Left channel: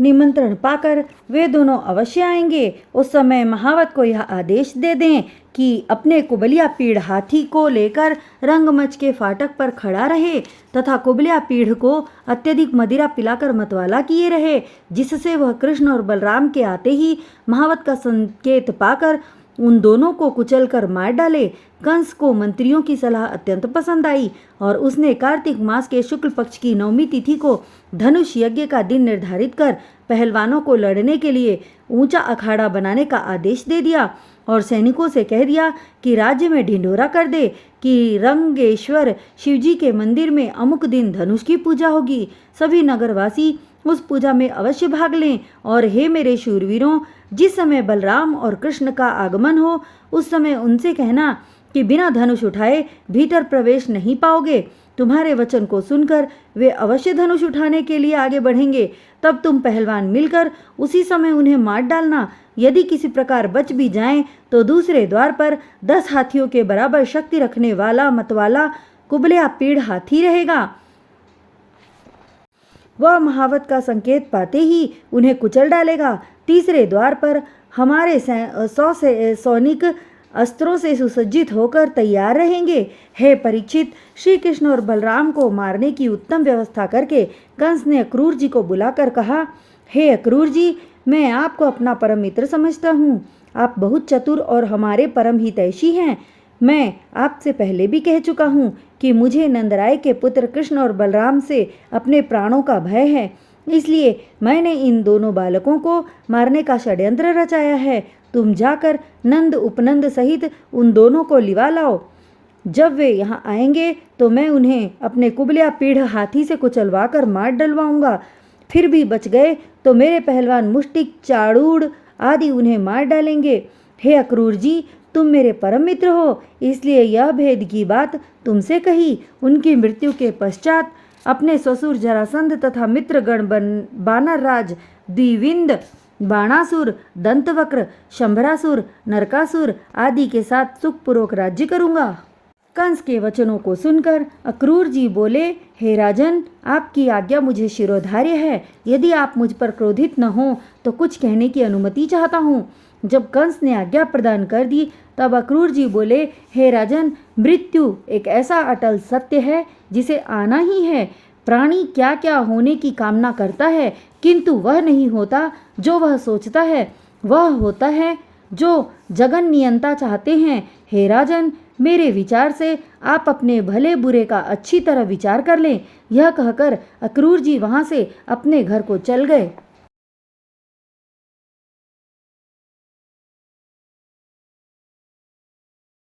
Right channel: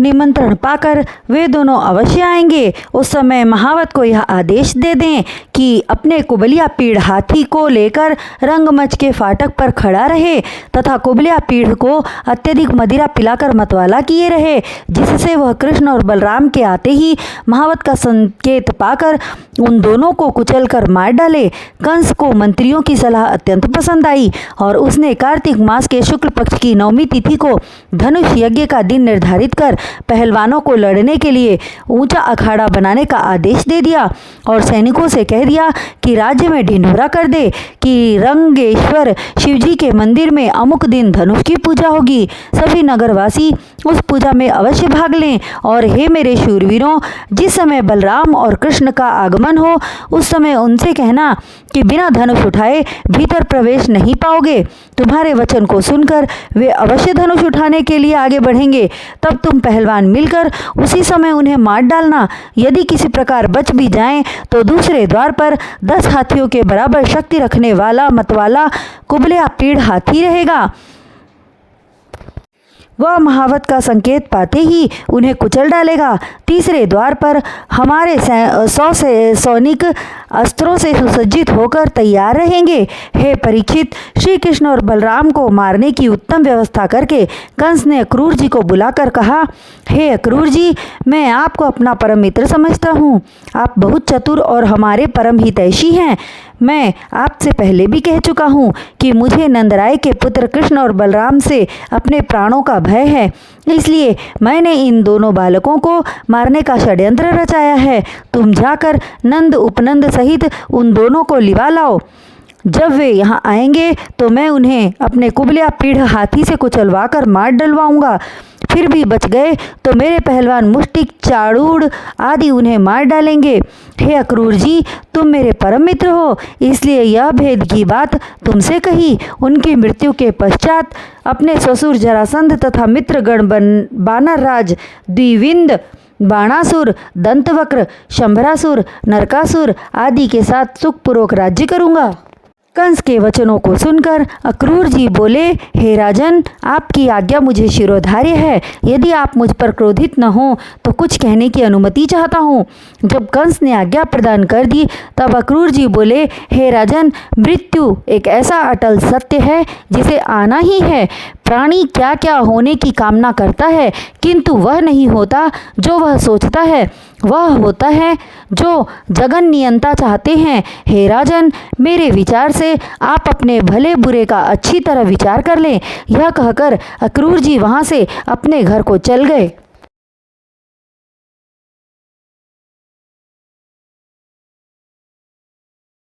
निमंत्रण पाकर वे दोनों अवश्य आएंगे। उस समय महावत को यह आदेश दे दें कि अपने कुबलिया पीढ़ हाथी को लेकर रंगमंच के फाटक पर खड़ा रहे तथा कुबलिया पीढ़ को अत्यधिक मदिरा पिलाकर मतवाला किए रहे, जिससे वह कृष्ण और बलराम के आते ही महावत का संकेत पाकर उन दोनों को कुचलकर मार डाले। कंस को मंत्रियों की सलाह अत्यंत पसंद आई और उसने कार्तिक मास के शुक्ल पक्ष की 9वीं तिथि को धनुष यज्ञ का दिन निर्धारित कर पहलवानों को लड़ने के लिए ऊंचा अखाड़ा बनाने का आदेश दे दिया और सैनिकों से कह दिया कि राज्य में ढिंढोरा कर दे कि रंगेश्वर शिवजी के मंदिर में अमुक दिन धनुष की पूजा होगी। सभी नगरवासी उस पूजा में अवश्य भाग लें और हे मेरे शूरवीरों, जिस समय बलराम और कृष्ण का आगमन हो उस समय उनसे कहना कि बिना धनुष उठाए भीतर प्रवेश नहीं पाओगे। तुम्हारे वचन को सुनकर वे अवश्य धनुष उठाने के लिए आगे बढ़ेंगे। तब तुम पहलवान मिलकर उसी समय उन्हें मार डालना। यदि किसी प्रकार बच भी जाएं तो दूसरे द्वार पर 10 हाथियों के बराबर शक्ति रखने वाला मतवाला कुबलिया पीढ़ हाथी रहेगा। वह महावत का संकेत पाते ही उन्हें कुचल डालेगा। तीसरे द्वार पर हमारे 100 सैनिक अस्त्रों से सुसज्जित होकर तैयार रहेंगे। हे परीक्षित, श्री कृष्ण और बलराम को मारने की उत्तम व्यवस्था करके कंस ने अक्रूर जी को बुलाकर कहा, हे अक्रूर जी, मैं आपको अपना परम मित्र समझता हूँ। आप बहुत चतुर और हमारे परम हितैषी हैं। मैं आपसे पहले भी कह चुका हूँ कि मुझे नंदराय के पुत्र कृष्ण और बलराम से अपने प्राणों का भय है, इसलिए मैंने इन दोनों बालकों को मारने का षड्यंत्र रचाया है। तुम जाकर नंद उपनंद सहित उन दोनों को लिवा लाओ। जब वे यहाँ आएंगे तो मैं उन्हें अपने कुबलिया पीढ़ हाथी से कुचलवा कर मार डलवाऊंगा। फिर भी बच गए तो मेरे पहलवान मुष्टिक, चाड़ूड़ आदि उन्हें मार डालेंगे। हे अक्रूर जी, तुम मेरे परम मित्र हो, इसलिए यह भेद की बात तुमसे कही। उनकी मृत्यु के पश्चात अपने ससुर जरासंध तथा मित्रगण बानर राज द्विविंद, बाणासुर, दंतवक्र, शंभरासुर, नरकासुर आदि के साथ सुखपूर्वक राज्य करूँगा। कंस के वचनों को सुनकर अक्रूर जी बोले, हे राजन, आपकी आज्ञा मुझे शिरोधार्य है। यदि आप मुझ पर क्रोधित न हो तो कुछ कहने की अनुमति चाहता हूँ। जब कंस ने आज्ञा प्रदान कर दी तब अक्रूर जी बोले, हे राजन, मृत्यु एक ऐसा अटल सत्य है जिसे आना ही है। प्राणी क्या क्या होने की कामना करता है, किंतु वह नहीं होता जो वह सोचता है, वह होता है जो जगन नियंता चाहते हैं। हे राजन, मेरे विचार से आप अपने भले बुरे का अच्छी तरह विचार कर लें। यह कहकर अक्रूर जी वहाँ से अपने घर को चल गए।